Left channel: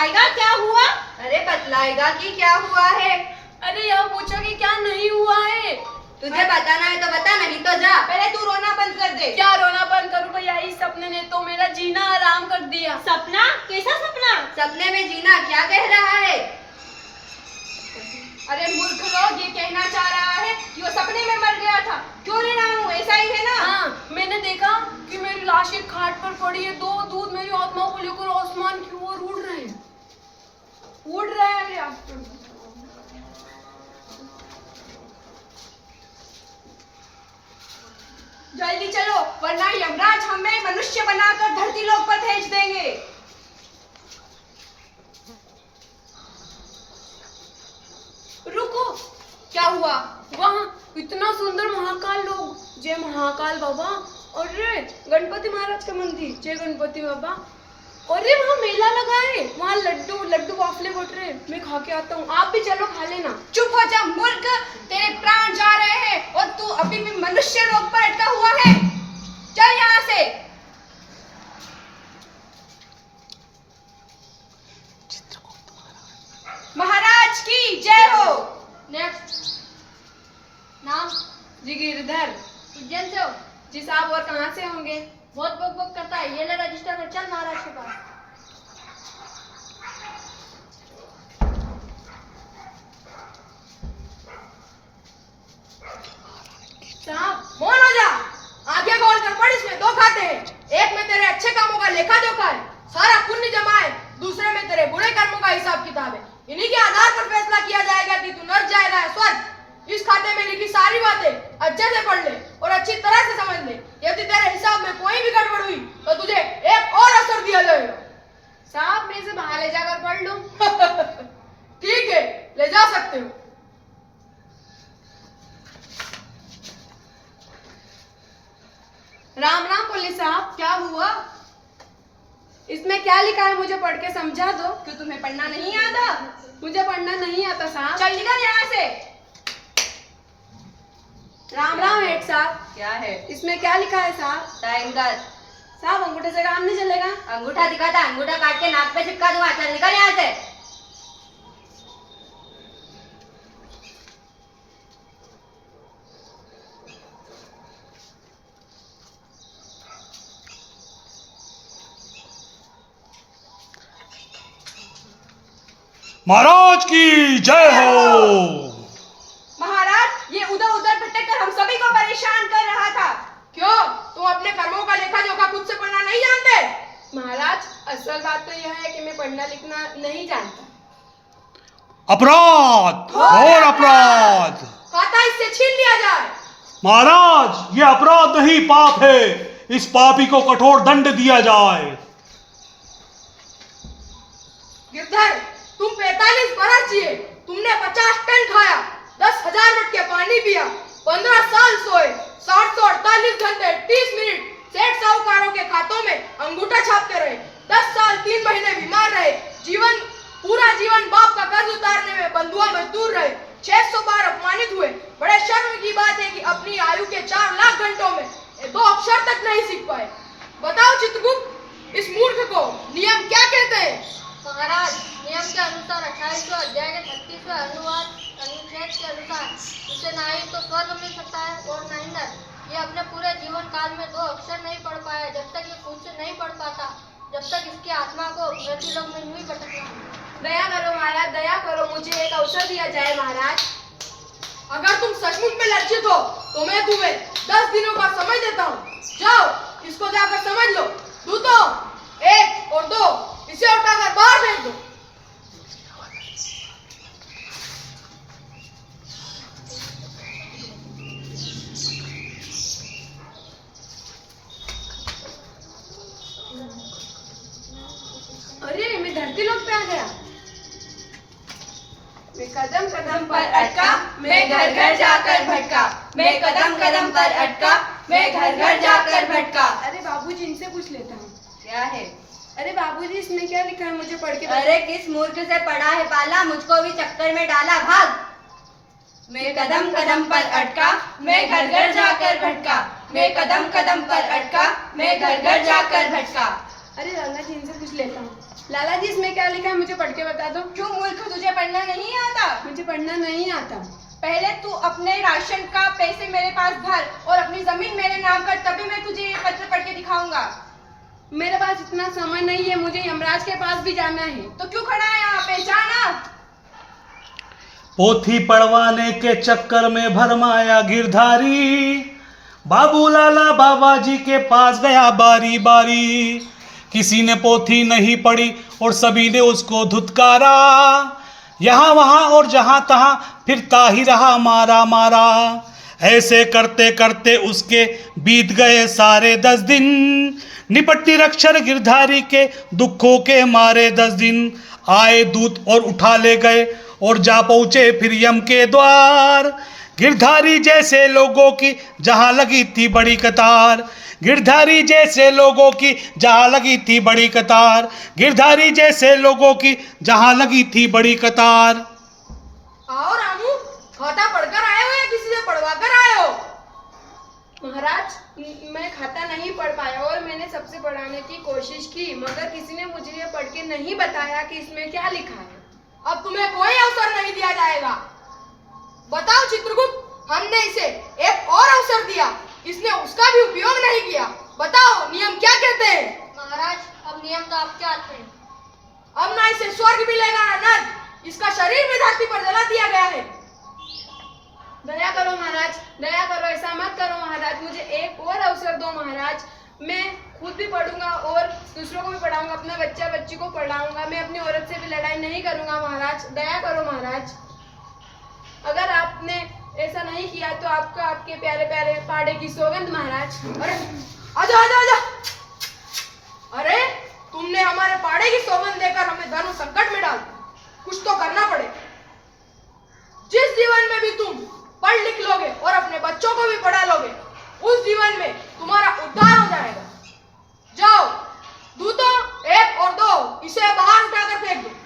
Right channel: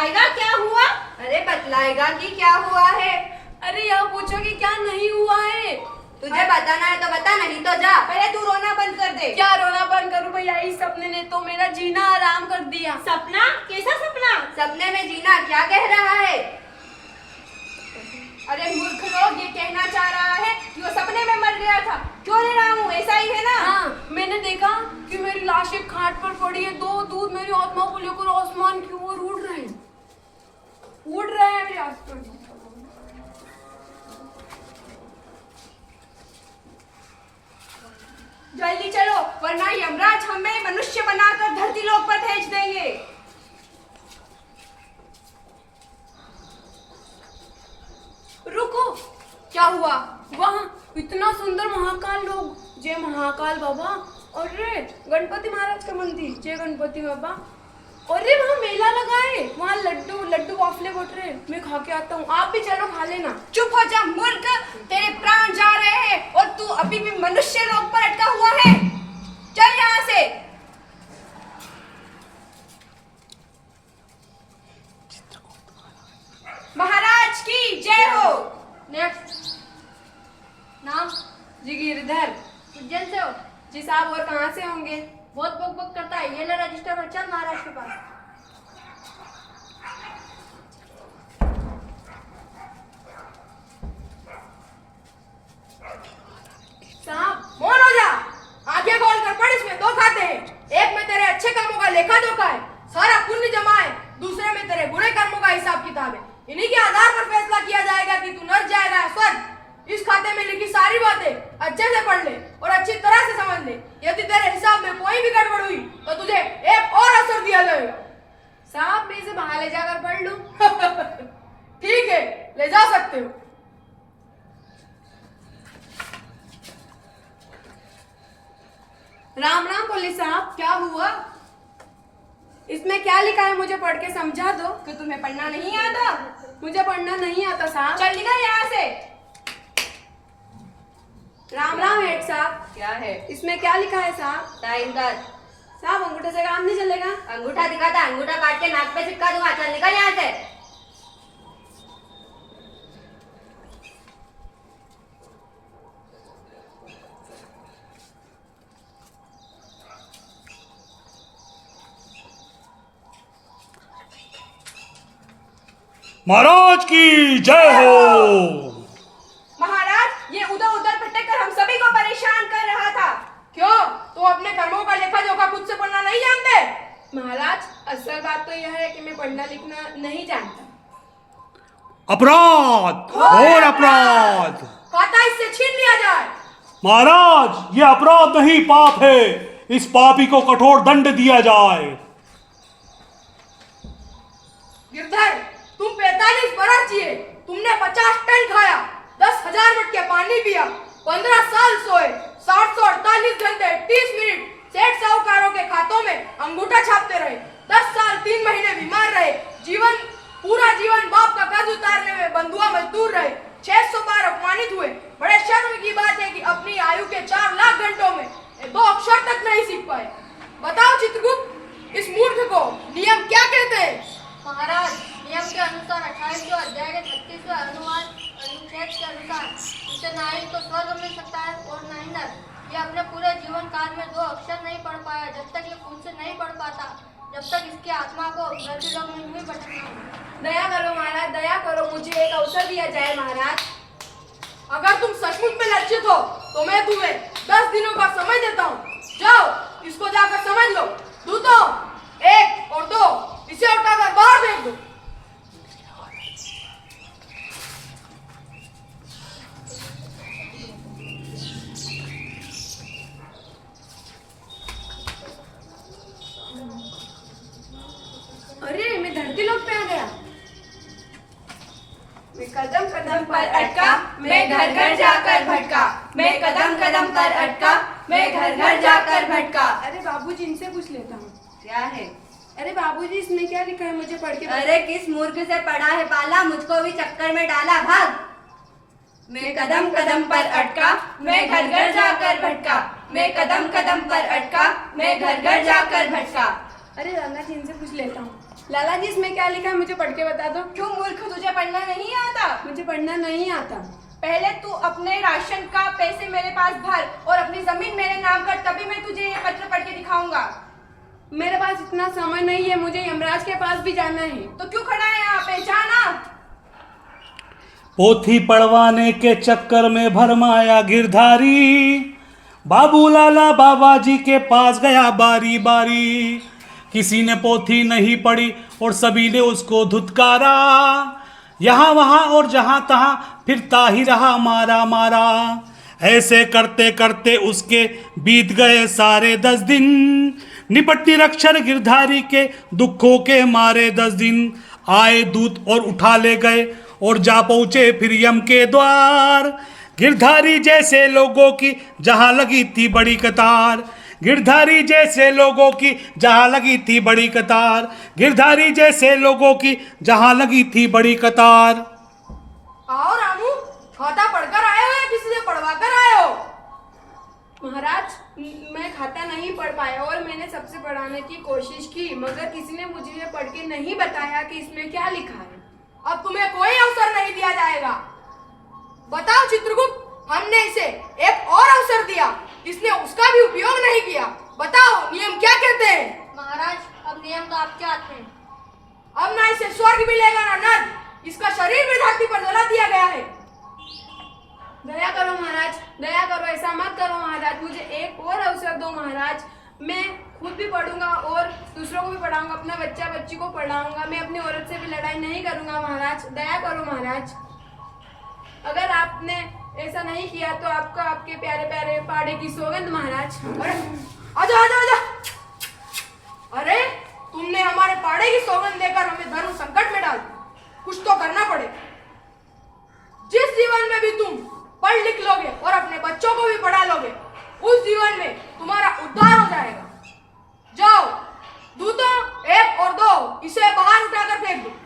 बतलाएगा क्या हुआ? अरे बतलाएगा कि क्या हुआ है? अरे यह पूछो कि क्या नहीं हुआ है। तुझे बताना है तो बता, नहीं तो जा। पहले तू रोना बंद कर दे। क्या रोना बंद करूं भैया, इस सपने ने तो मेरा जीना आराम कर दिया। सपना? कैसा सपना? सपने में जीना क्या कह रहा है? अरे मूर्ख लोग, ये कहना चाह रहा है कि वो सपने में मर गया था। क्यों रे रामू, ऐसा ही है ना? हाँ, मैंने देखा कि मेरी लाश एक खाट पर पड़ी है। दो दूध मेरी आत्मा को लेकर आसमान की ओर उड़ रहे हैं, उड़ रहे हैं मेरे आसमान। जल्दी चलो, वरना यमराज हमें मनुष्य बनाकर धरती लोक पर भेज देंगे। रुको, क्या हुआ? वहाँ इतना सुंदर महाकाल लोग, जय महाकाल बाबा। अरे गणपति महाराज का मंदिर, जय गणपति बाबा। अरे वहाँ मेला लगा है, वहाँ लड्डू वाफले बट रहे। मैं खा के आता हूँ, आप भी चलो खा लेना। चुप हो जा मूर्ख, तेरे प्राण जा रहे हैं और तू अभी भी मनुष्य लोक पर अटका हुआ है। चल यहाँ से। महाराज की जय हो। नेक्स्ट नाम? जी गिरधर। उज्जैन से हो? जी साहब, और कहाँ से होंगे? बहुत बक बक करता है, ये ले रजिस्टर और चल महाराज के पास। साहब मौन हो जा, आंखें खोल कर पढ़, इसमें दो खाते हैं। एक में तेरे अच्छे कामों का लेखा जोखा है, सारा पुण्य जमा है। दूसरे में तेरे बुरे कर्मों का हिसाब किताब है। इन्हीं के आधार पर फैसला किया जाएगा कि तू नर्क जाएगा या स्वर्ग। इस खाते में लिखी सारी बातें अच्छे से पढ़ ले और अच्छी तरह से समझ ले। यदि तेरे हिसाब में कोई भी गड़बड़ हुई तो तुझे एक और अवसर दिया जाएगा। साहब, मैं इसे बाहर ले जाकर पढ़ लूं? ठीक है, ले जा सकते हो। राम राम पुलिस साहब, क्या हुआ? इसमें क्या लिखा है, मुझे पढ़ के समझा दो। तो तुम्हें पढ़ना नहीं आता? मुझे पढ़ना नहीं आता साहब। चल निकल यहाँ से। राम राम हेड साहब। क्या है? इसमें क्या लिखा है साहब? टाइम कर। साहब, अंगूठे से काम नहीं चलेगा। अंगूठा दिखाता, अंगूठा काट के नाक पे चिपका दूंगा। चल निकल यहाँ से। महाराज की जय हो। महाराज, ये उधर उधर भटक कर हम सभी को परेशान कर रहा था। क्यों, तुम अपने कर्मों का लेखा जोखा खुद से पढ़ना नहीं जानते? महाराज, असल बात तो यह है कि मैं पढ़ना लिखना नहीं जानता। अपराध, घोर अपराध। खाता इससे छीन लिया जाए। महाराज, ये अपराध नहीं, पाप है। इस पापी को कठोर दंड दिया जाए। गिरधर, तुम 45 बरस जिए, तुमने 50 टन खाया, 10,000 मटके पानी पिया, 15 साल सोए, 748 घंटे 30 मिनट सेठ साहूकारों के खातों में अंगूठा छापते रहे, 10 साल 3 महीने बीमार रहे, पूरा जीवन बाप का कर्ज उतारने में बंधुआ मजदूर रहे, 600 बार अपमानित हुए। बड़े शर्म की बात है कि अपनी आयु के 4 लाख घंटों में 2 अक्षर तक नहीं सीख पाए। बताओ चित्रगुप्त, इस मूर्ख को नियम क्या कहते हैं? महाराज, नियम के अनुसार 28वें अध्याय के 36वें अनुच्छेद के अनुसार उसे ना ही तो स्वर्ग मिल सकता है और ना ही नर्क। ये अपने पूरे जीवन काल में 2 अक्षर नहीं पढ़ पाया। जब तक ये खुद से नहीं पढ़ पाता, जब तक इसकी आत्मा को धरती लोक में नहीं भटकना। दया करो महाराज, दया करो, मुझे एक अवसर दिया जाए महाराज। अगर तुम सचमुच में लज्जित हो तो मैं तुम्हें 10 दिनों का समय देता हूँ। जाओ, इसको जाकर समझ लो। दूतों, 1 और 2, इसे उठाकर बाहर फेंक दो। अरे, मैं धरती लोक पे आ गया। मैं कदम कदम पर अटका, मैं घर घर जाकर भटका। मैं कदम कदम पर अटका, मैं घर घर जाकर भटका। अरे बाबूजी, इनसे पूछ लेता हूँ। क्या है? अरे बाबूजी, इसमें क्या लिखा है, मुझे पढ़ के अरे किस मूर्ख से पढ़ा है पाला, मुझको भी चक्कर में डाला, भाग। मैं कदम कदम पर अटका, मैं घर घर जाकर भटका। मैं कदम कदम पर अटका, मैं घर घर जाकर भटका। अरे रंगा जी, इनसे पूछ लेता हूँ। लाला जी इसमें क्या लिखा है मुझे पढ़ के बता दो। क्यों मूर्ख, तुझे पढ़ना नहीं आता? मुझे पढ़ना नहीं आता। पहले तू अपने राशन का पैसे मेरे पास भर और अपनी जमीन मेरे नाम कर, तभी मैं तुझे ये पत्र पढ़ के दिखाऊंगा। मेरे पास इतना समय नहीं है, मुझे यमराज के पास भी जाना है। तो क्यों खड़ा है यहाँ पे, जाना। पोथी पढ़वाने के चक्कर में भरमाया गिरधारी, बाबू लाला बाबा जी के पास गया बारी बारी। किसी ने पोथी नहीं पढ़ी और सभी ने उसको धुतकारा, यहाँ वहाँ और जहाँ तहाँ फिरता ही रहा मारा मारा। ऐसे करते करते उसके बीत गए सारे 10 दिन, निपट निरक्षर गिरधारी के दुखों के मारे 10 दिन। आए दूत और उठा ले गए और जा पहुँचे फिर यम के द्वार। गिरधारी जैसे लोगों की जहाँ लगी थी बड़ी कतार, गिरधारी जैसे लोगों की जहाँ लगी थी बड़ी कतार, गिरधारी जैसे लोगों की जहाँ लगी थी बड़ी कतार। आओ रामू, खाता पढ़कर आए हो या किसी से पढ़वा कर आए हो? महाराज मैं खाता नहीं पढ़ पाया और मैंने सबसे पढ़ाने की कोशिश की, मगर किसी ने मुझे ये पढ़ के नहीं बताया कि इसमें क्या लिखा है। अब तुम्हें कोई अवसर नहीं दिया जाएगा। बताओ चित्रगुप्त, हमने इसे एक और अवसर दिया, इसने उसका भी उपयोग नहीं किया। बताओ नियम क्या कहते हैं? महाराज, अब नियम तो आपके हाथ में। अब ना इसे स्वर्ग मिलेगा ना नर्क, इसका शरीर भी धरती पर जला दिया गया है। दया करो महाराज, दया करो, ऐसा मत करो महाराज, मुझे एक और अवसर दो महाराज। मैं खुद भी पढ़ूंगा और दूसरों को भी पढ़ाऊंगा, अपना बच्चा बच्ची को पढ़ाऊंगा। मैं अपनी औरत से भी लड़ाई नहीं करूंगा महाराज, दया करो महाराज। अगर आपने ऐसा नहीं किया तो आपका आपके प्यारे प्यारे पाड़े की सौगंध महाराज। अरे आजा आजा आजा। अरे तुमने हमारे पाड़े की सौगंध देकर हमें धर्म संकट में डाल दिया। कुछ तो करना पड़ेगा। जिस जीवन में भी तुम पढ़ लिख लोगे और अपने बच्चों को भी पढ़ा लोगे, उस जीवन में तुम्हारा उद्धार हो जाएगा। जाओ दूतों, 1 और 2 इसे बाहर उठाकर फेंक दो।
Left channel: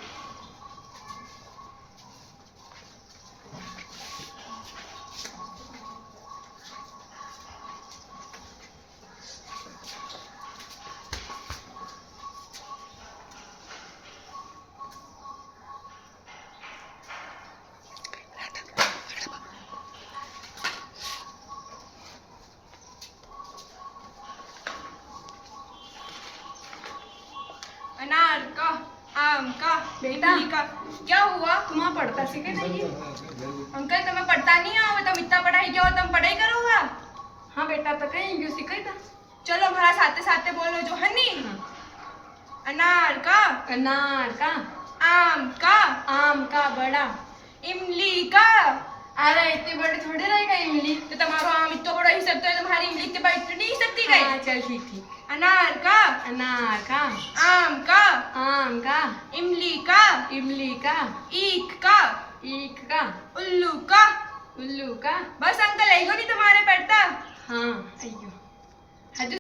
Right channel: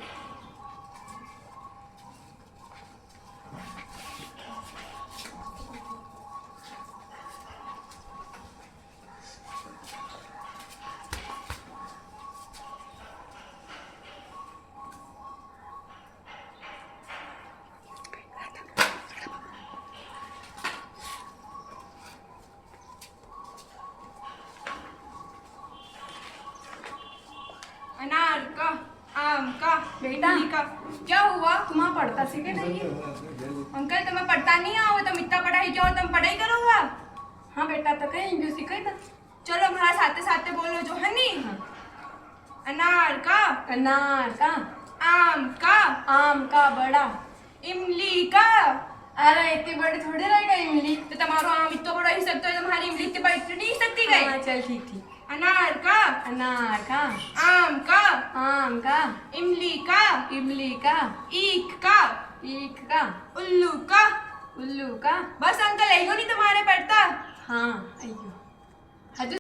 अनार का, आम का, बेटा। इमली का। क्या हुआ? तुम्हारा पढ़ता सीखे नहीं है? अंकल तुम्हें पढ़ता नहीं आओ, तुम इतना पढ़ाई किया और तुम पढ़ाई करोगा? हाँ बेटा, तो कहीं क्यों सीखे था? चलो हमारा साथे साथे बोलो जो हनी। अनार का, अनार का, आम का, बड़ा, इमली का। अरे इतनी बड़ी थोड़ी रहेगा इमली। तो तुम्हारा आम इतना बड़ा ही सकता है, तुम्हारी इमली इतनी बड़ी तो नहीं सकती गई। हाँ, चल ठीक ठीक। अनार का, आम का, इमली का, ईख का, उल्लू का। उल्लू का। बस अंकल, यही नहीं तुम्हारे पढ़ता। हाँ अयो।